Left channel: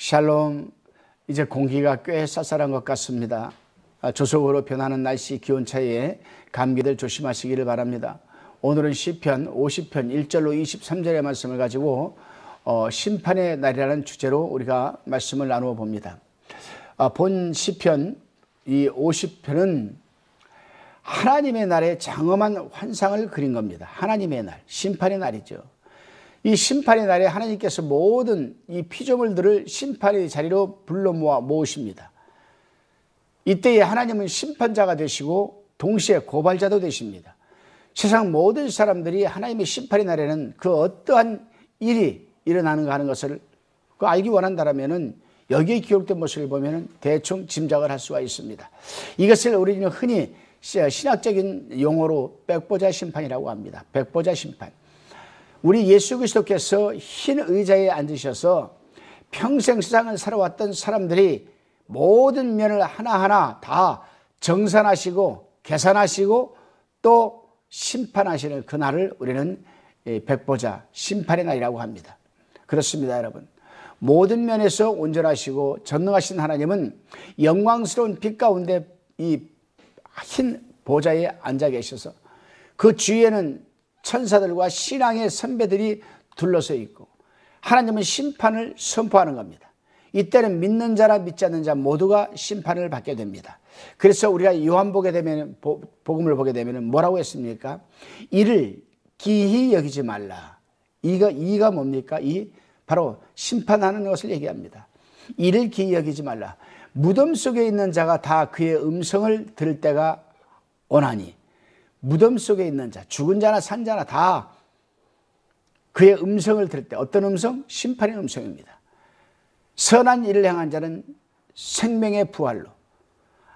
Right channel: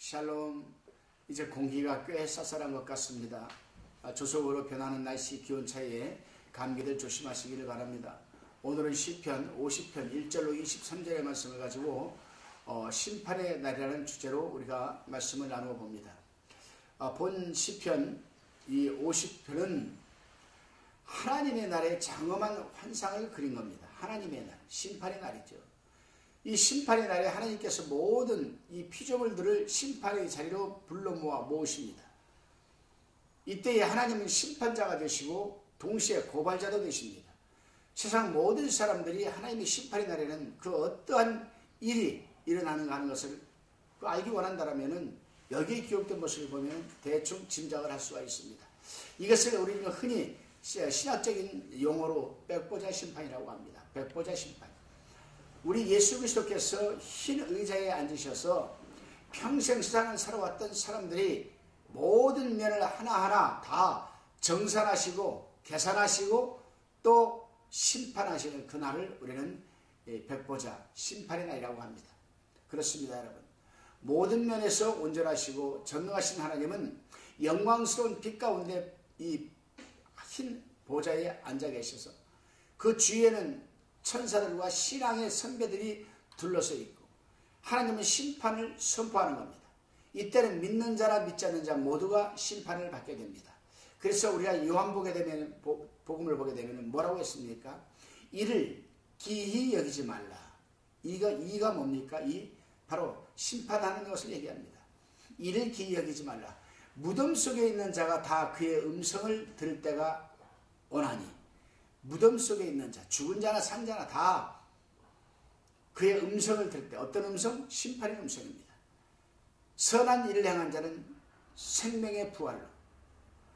샬롬. 이제 공기가 꽤 쌀쌀한 것 같습니다. 조속으로 변하는 날씨 기온차에 감기들 조심하시기를 바랍니다. 오늘은 시편 50편 1절로 23절의 말씀을 가지고 심판의 날이라는 주제로 우리가 말씀을 나누어 봅니다. 본 시편 이 50편은 하나님의 날의 장엄한 환상을 그린 겁니다. 하나님의 날, 심판의 날이죠. 이 심판의 날에 하나님께서 모든 이 피조물들을 심판의 자리로 불러 모으십니다. 이때에 하나님은 심판자가 되시고 동시에 고발자도 되십니다. 세상 모든 사람들이 하나님의 심판의 날에는 그 어떠한 일이 일어나는가 하는 것을 알기 원한다면 여기에 기록된 모습을 보면 대충 짐작을 할 수가 있습니다. 이것을 우리는 흔히 신학적인 용어로 백보자 심판이라고 합니다. 백보자 심판. 우리 예수 그리스도께서 흰 의자에 앉으셔서 평생 세상을 살아왔던 사람들이 모든 면을 하나하나 다 정산하시고 계산하시고 또 심판하시는 그날을 우리는 백보자 심판의 날이라고 합니다. 그렇습니다, 여러분. 모든 면에서 온전하시고 전능하신 하나님은 영광스러운 빛 가운데 이 흰 보좌에 앉아 계셔서 그 주위에는 천사들과 신앙의 선배들이 둘러서 있고 하나님은 심판을 선포하는 겁니다. 이때는 믿는 자나 믿지 않는 자 모두가 심판을 받게 됩니다. 그래서 우리가 요한복음을 보게 되면 뭐라고 했습니까? 이를 기히 여기지 말라. 이가 뭡니까? 바로 심판하는 것을 얘기합니다. 이를 기히 여기지 말라. 무덤 속에 있는 자가 다 그의 음성을 들을 때가 오나니, 무덤 속에 있는 자, 죽은 자나 산 자나 다 그의 음성을 들을 때, 어떤 음성? 심판의 음성입니다. 선한 일을 행한 자는 생명의 부활로,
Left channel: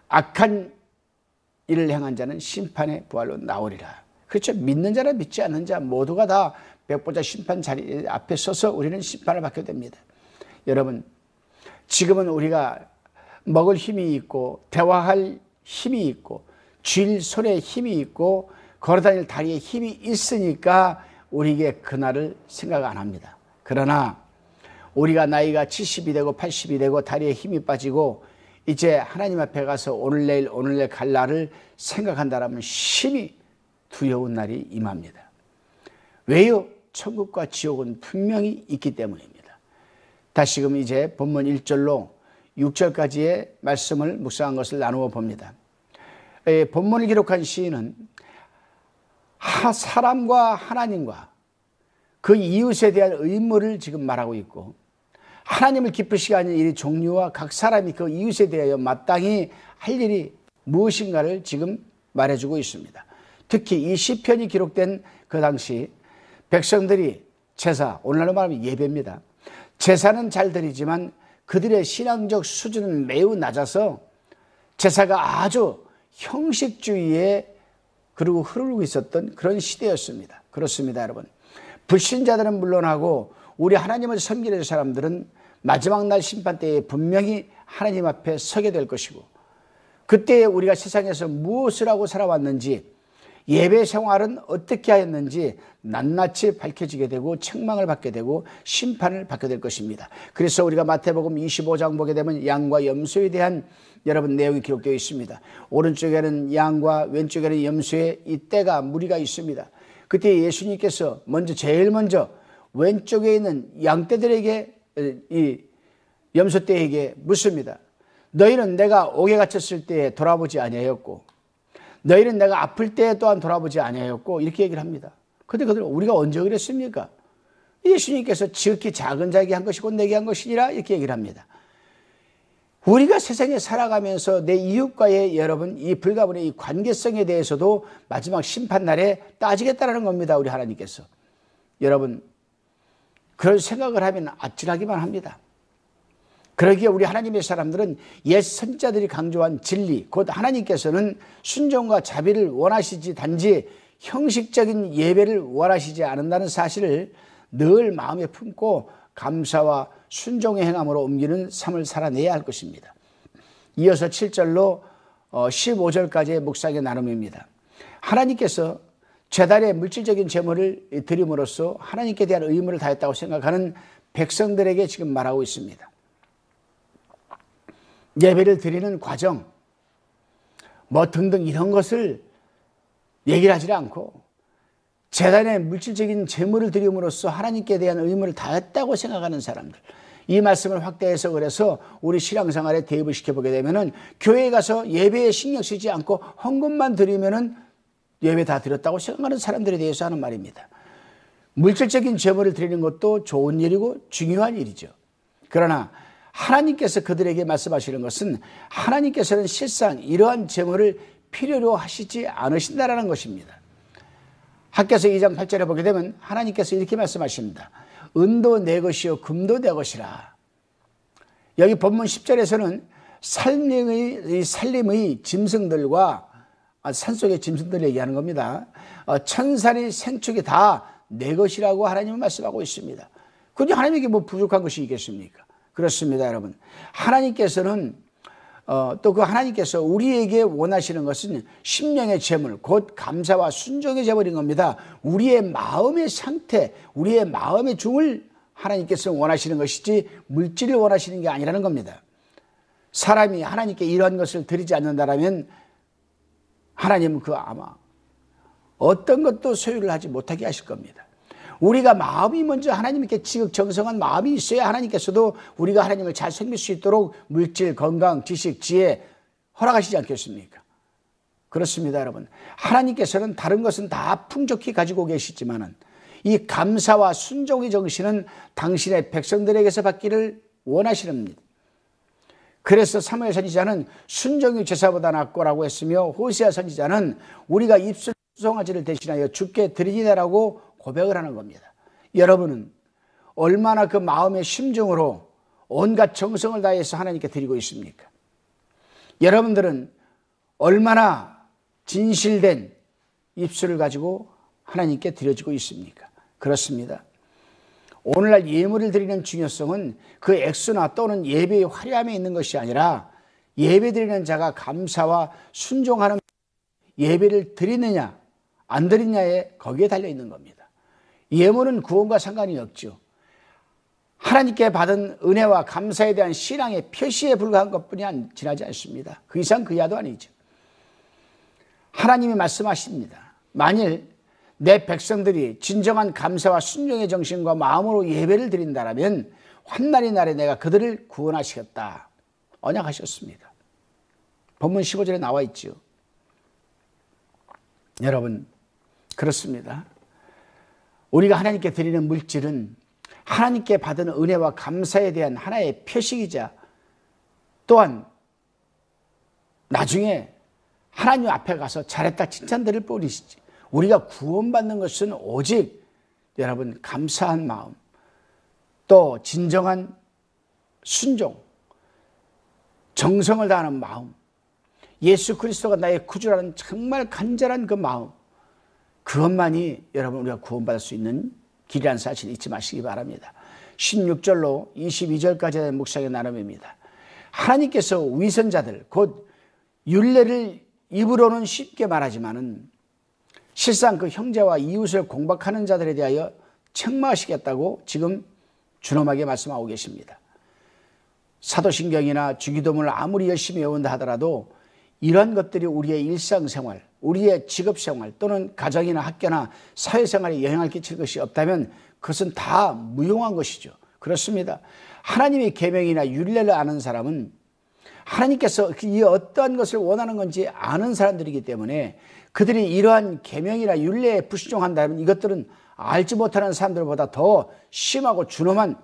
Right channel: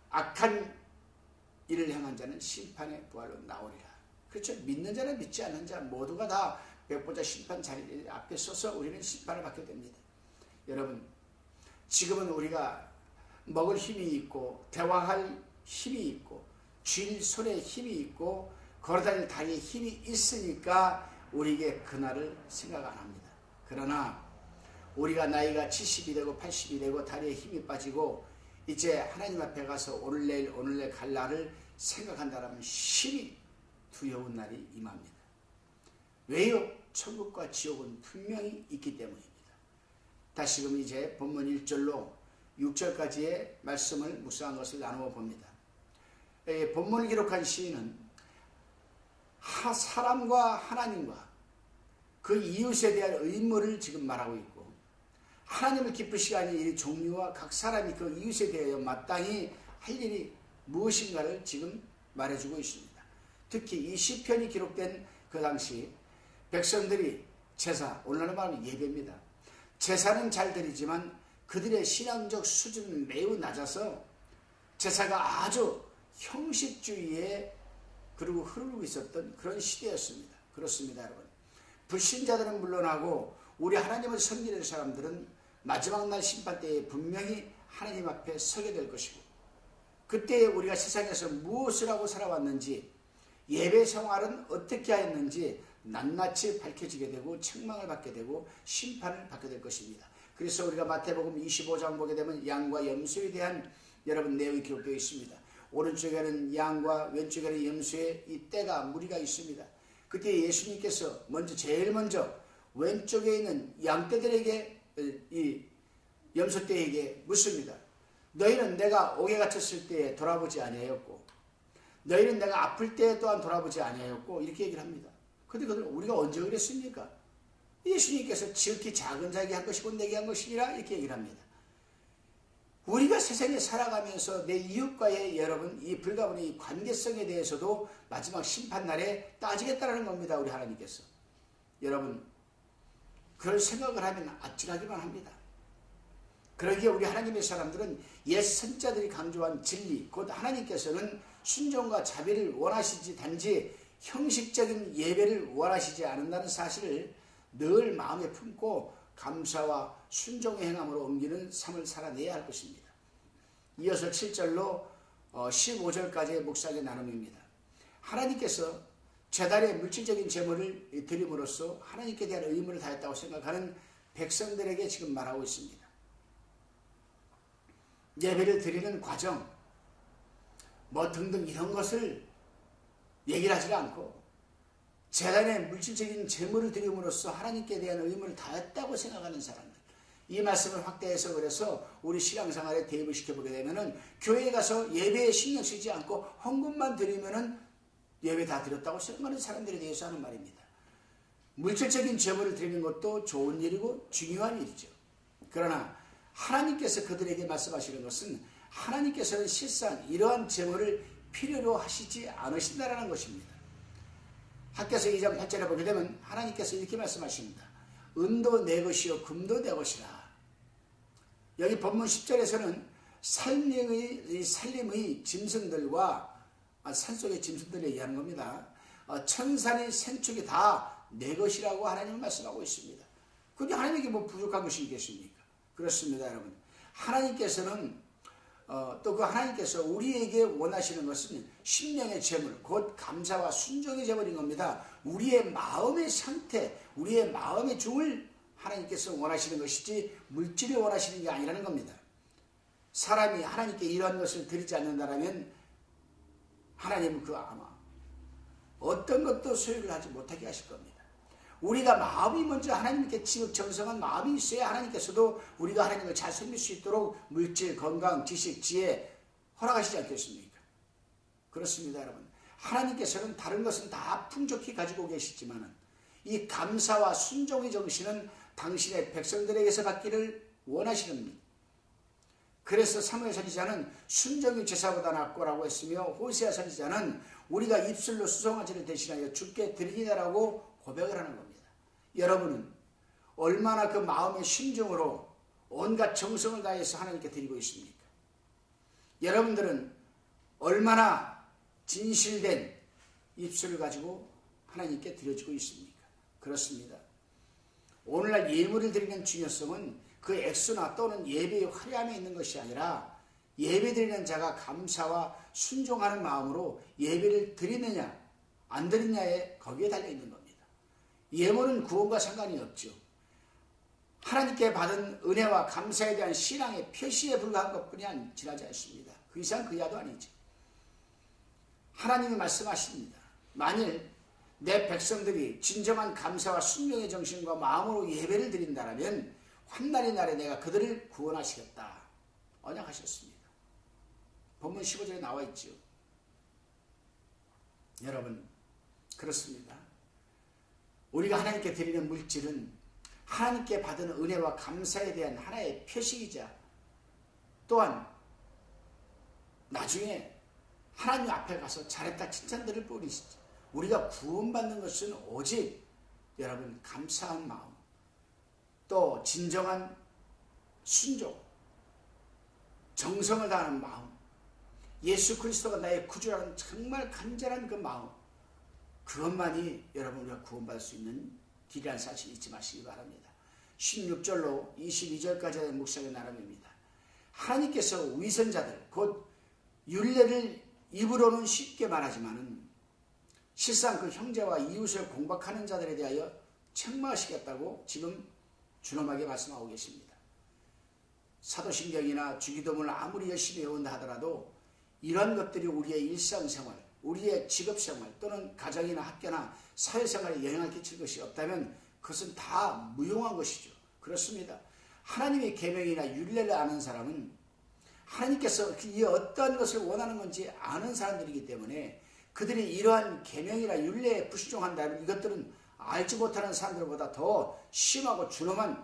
악한 일을 행한 자는 심판의 부활로 나오리라. 그렇죠. 믿는 자나 믿지 않는 자 모두가 다 백보자 심판 자리 앞에 서서 우리는 심판을 받게 됩니다. 여러분, 지금은 우리가 먹을 힘이 있고 대화할 힘이 있고 쥘 손에 힘이 있고 걸어다닐 다리에 힘이 있으니까 우리에게 그날을 생각 안 합니다. 그러나 우리가 나이가 70이 되고 80이 되고 다리에 힘이 빠지고 이제 하나님 앞에 가서 오늘 내일 갈 날을 생각한다면 심히 두려운 날이 임합니다. 왜요? 천국과 지옥은 분명히 있기 때문입니다. 다시금 이제 본문 1절로 6절까지의 말씀을 묵상한 것을 나누어 봅니다. 본문을 기록한 시인은 사람과 하나님과 그 이웃에 대한 의무를 지금 말하고 있고 하나님을 기쁘시게 하는 일의 종류와 각 사람이 그 이웃에 대하여 마땅히 할 일이 무엇인가를 지금 말해주고 있습니다. 특히 이 시편이 기록된 그 당시 백성들이 제사, 오늘날로 말하면 예배입니다. 제사는 잘 드리지만 그들의 신앙적 수준은 매우 낮아서 제사가 아주 형식주의에 그리고 흐르고 있었던 그런 시대였습니다. 그렇습니다, 여러분. 불신자들은 물론하고 우리 하나님을 섬기는 사람들은 마지막 날 심판 때에 분명히 하나님 앞에 서게 될 것이고 그때에 우리가 세상에서 무엇을 하고 살아왔는지 예배 생활은 어떻게 하였는지 낱낱이 밝혀지게 되고 책망을 받게 되고 심판을 받게 될 것입니다. 그래서 우리가 마태복음 25장 보게 되면 양과 염소에 대한 여러분 내용이 기록되어 있습니다. 오른쪽에는 양과 왼쪽에는 염소의 이 떼가 무리가 있습니다. 그때 예수님께서 제일 먼저 왼쪽에 있는 양떼들에게 이 염소떼에게 묻습니다. 너희는 내가 옥에 갇혔을 때에 돌아보지 아니하였고 너희는 내가 아플 때에 또한 돌아보지 아니하였고 이렇게 얘기를 합니다. 그런데 그들 우리가 언제 그랬습니까? 예수님께서 지극히 작은 자에게 한 것이고 내게 한 것이니라 이렇게 얘기를 합니다. 우리가 세상에 살아가면서 내 이웃과의 여러분 이 불가분의 이 관계성에 대해서도 마지막 심판날에 따지겠다라는 겁니다. 우리 하나님께서. 여러분 그런 생각을 하면 아찔하기만 합니다. 그러기에 우리 하나님의 사람들은 옛 선지자들이 강조한 진리 곧 하나님께서는 순종과 자비를 원하시지 단지 형식적인 예배를 원하시지 않는다는 사실을 늘 마음에 품고 감사와 순종의 행함으로 옮기는 삶을 살아내야 할 것입니다. 이어서 7절로 15절까지의 묵상의 나눔입니다. 하나님께서 제단의 물질적인 제물을 드림으로써 하나님께 대한 의무를 다했다고 생각하는 백성들에게 지금 말하고 있습니다. 예배를 드리는 과정, 뭐 등등 이런 것을 얘기를 하지 않고 제단에 물질적인 제물을 드림으로써 하나님께 대한 의무를 다했다고 생각하는 사람들, 이 말씀을 확대해서 그래서 우리 신앙생활에 대입을 시켜보게 되면은 교회에 가서 예배에 신경 쓰지 않고 헌금만 드리면은 예배 다 드렸다고 생각하는 사람들에 대해서 하는 말입니다. 물질적인 제물을 드리는 것도 좋은 일이고 중요한 일이죠. 그러나 하나님께서 그들에게 말씀하시는 것은 하나님께서는 실상 이러한 제물을 필요로 하시지 않으신다라는 것입니다. 학개서 2장 8절에 보게 되면 하나님께서 이렇게 말씀하십니다. 은도 내 것이요 금도 내 것이라. 여기 본문 10절에서는 살림의 짐승들과 산속의 짐승들을 얘기하는 겁니다. 천사리 생축이 다 내 것이라고 하나님은 말씀하고 있습니다. 그런데 하나님에게 뭐 부족한 것이 있겠습니까? 그렇습니다, 여러분. 하나님께서는 또 그 하나님께서 우리에게 원하시는 것은 심령의 제물, 곧 감사와 순종의 제물인 겁니다. 우리의 마음의 상태, 우리의 마음의 중을 하나님께서 원하시는 것이지 물질을 원하시는 게 아니라는 겁니다. 사람이 하나님께 이러한 것을 드리지 않는다라면 하나님은 아마 어떤 것도 소유를 하지 못하게 하실 겁니다. 우리가 마음이 먼저 하나님께 지극정성한 마음이 있어야 하나님께서도 우리가 하나님을 잘 섬길 수 있도록 물질, 건강, 지식, 지혜 허락하시지 않겠습니까? 그렇습니다, 여러분. 하나님께서는 다른 것은 다 풍족히 가지고 계시지만은 이 감사와 순종의 정신은 당신의 백성들에게서 받기를 원하시는 겁니다. 그래서 사무엘 선지자는 순종이 제사보다 낫고라고 했으며 호세아 선지자는 우리가 입술로 수송아지를 대신하여 주께 드리니라고 고백을 하는 겁니다. 여러분은 얼마나 그 마음의 심정으로 온갖 정성을 다해서 하나님께 드리고 있습니까? 여러분들은 얼마나 진실된 입술을 가지고 하나님께 드려지고 있습니까? 그렇습니다. 오늘날 예물을 드리는 중요성은 그 액수나 또는 예배의 화려함에 있는 것이 아니라 예배 드리는 자가 감사와 순종하는 마음으로 예배를 드리느냐 안 드리느냐에 거기에 달려 있는 겁니다. 예물은 구원과 상관이 없죠. 하나님께 받은 은혜와 감사에 대한 신앙의 표시에 불과한 것뿐이 지나지 않습니다. 그 이상 그 이하도 아니죠. 하나님이 말씀하십니다. 만일 내 백성들이 진정한 감사와 순종의 정신과 마음으로 예배를 드린다라면 환난의 날에 내가 그들을 구원하시겠다. 언약하셨습니다. 본문 15절에 나와 있죠. 여러분, 그렇습니다. 우리가 하나님께 드리는 물질은 하나님께 받은 은혜와 감사에 대한 하나의 표식이자 또한 나중에 하나님 앞에 가서 잘했다 칭찬드릴 뿐이시지. 우리가 구원받는 것은 오직 여러분 감사한 마음, 또 진정한 순종, 정성을 다하는 마음, 예수 그리스도가 나의 구주라는 정말 간절한 그 마음, 그것만이 여러분 우리가 구원받을 수 있는 길이라는 사실 잊지 마시기 바랍니다. 16절로 22절까지의 묵상의 나눔입니다. 하나님께서 위선자들 곧 율례를 입으로는 쉽게 말하지만은 실상 그 형제와 이웃을 공박하는 자들에 대하여 책망하시겠다고 지금 준엄하게 말씀하고 계십니다. 사도신경이나 주기도문을 아무리 열심히 외운다 하더라도 이런 것들이 우리의 일상생활, 우리의 직업생활 또는 가정이나 학교나 사회생활에 영향을 끼칠 것이 없다면 그것은 다 무용한 것이죠. 그렇습니다. 하나님의 계명이나 율례를 아는 사람은 하나님께서 이 어떠한 것을 원하는 건지 아는 사람들이기 때문에 그들이 이러한 계명이나 율례에 불순종한다면 이것들은 알지 못하는 사람들보다 더 심하고 준엄한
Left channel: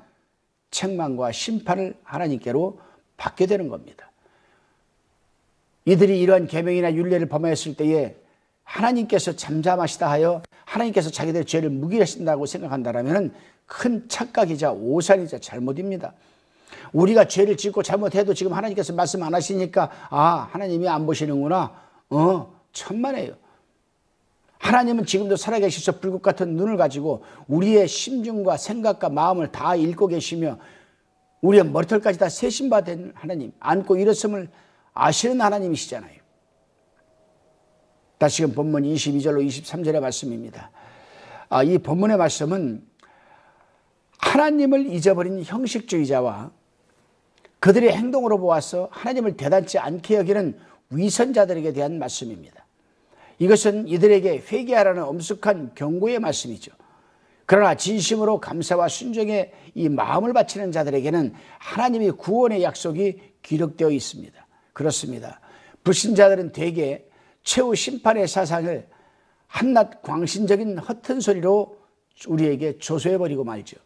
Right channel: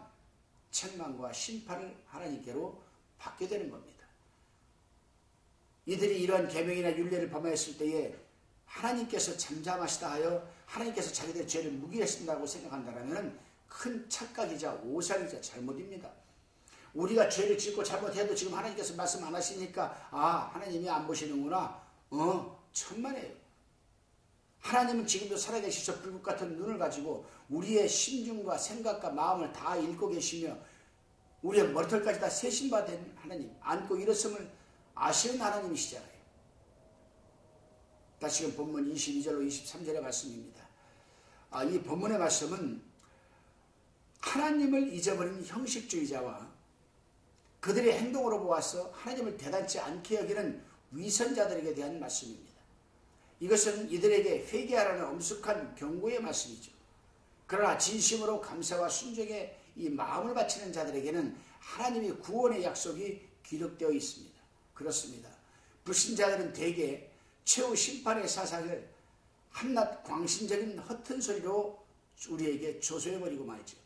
책망과 심판을 하나님께로 받게 되는 겁니다. 이들이 이러한 계명이나 율례를 범하였을 때에 하나님께서 잠잠하시다 하여 하나님께서 자기들의 죄를 무기하신다고 생각한다면 큰 착각이자 오산이자 잘못입니다. 우리가 죄를 짓고 잘못해도 지금 하나님께서 말씀 안 하시니까 하나님이 안 보시는구나. 천만에요. 하나님은 지금도 살아계셔서 불꽃 같은 눈을 가지고 우리의 심중과 생각과 마음을 다 읽고 계시며 우리의 머리털까지 다 세심받은 하나님, 안고 일었음을 아시는 하나님이시잖아요. 다시금 본문 22절로 23절의 말씀입니다. 이 본문의 말씀은 하나님을 잊어버린 형식주의자와 그들의 행동으로 보아서 하나님을 대단치 않게 여기는 위선자들에게 대한 말씀입니다. 이것은 이들에게 회개하라는 엄숙한 경고의 말씀이죠. 그러나 진심으로 감사와 순종의 이 마음을 바치는 자들에게는 하나님의 구원의 약속이 기록되어 있습니다. 그렇습니다. 불신자들은 대개 최후 심판의 사상을 한낱 광신적인 허튼 소리로 우리에게 조소해버리고 말죠.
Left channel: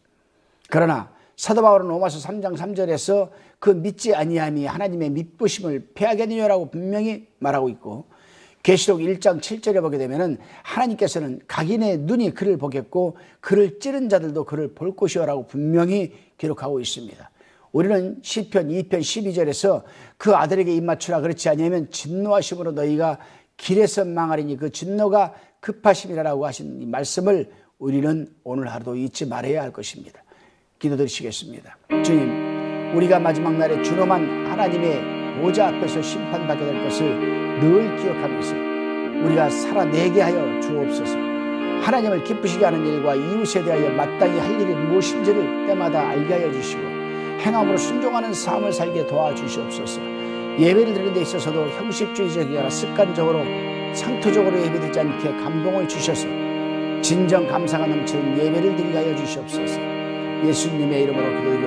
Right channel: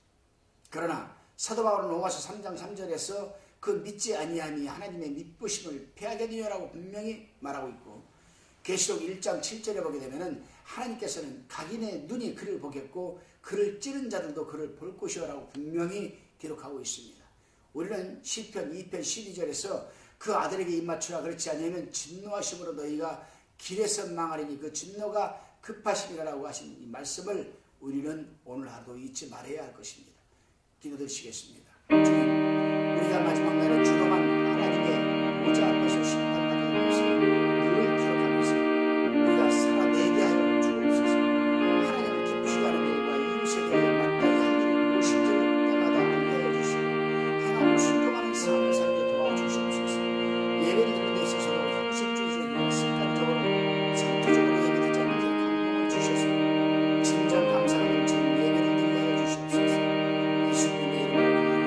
그러나 사도 바울은 로마서 3장 3절에서 그 믿지 아니함이 하나님의 미쁘심을 패하겠느냐라고 분명히 말하고 있고, 계시록 1장 7절에 보게 되면 하나님께서는 각인의 눈이 그를 보겠고 그를 찌른 자들도 그를 볼 것이요라고 분명히 기록하고 있습니다. 우리는 시편 2편 12절에서 그 아들에게 입맞추라, 그렇지 아니하면 진노하심으로 너희가 길에서 망하리니 그 진노가 급하시리라고 하신 이 말씀을 우리는 오늘 하루도 잊지 말아야 할 것입니다. 기도드리시겠습니다. 주님, 우리가 마지막 날에 준엄한 하나님의 보좌 앞에서 심판받게 될 것을 늘 기억하면서 우리가 살아내게 하여 주옵소서. 하나님을 기쁘시게 하는 일과 이웃에 대하여 마땅히 할 일이 무엇인지를 때마다 알게 하여 주시고 행함으로 순종하는 삶을 살게 도와주시옵소서. 예배를 드리는 데 있어서도 형식주의적이나 습관적으로 상투적으로 예배드리지 않게 감동을 주셔서 진정 감사가 넘치는 예배를 드리게 하여 주시옵소서. 예수님의 이름으로 기도드립니다.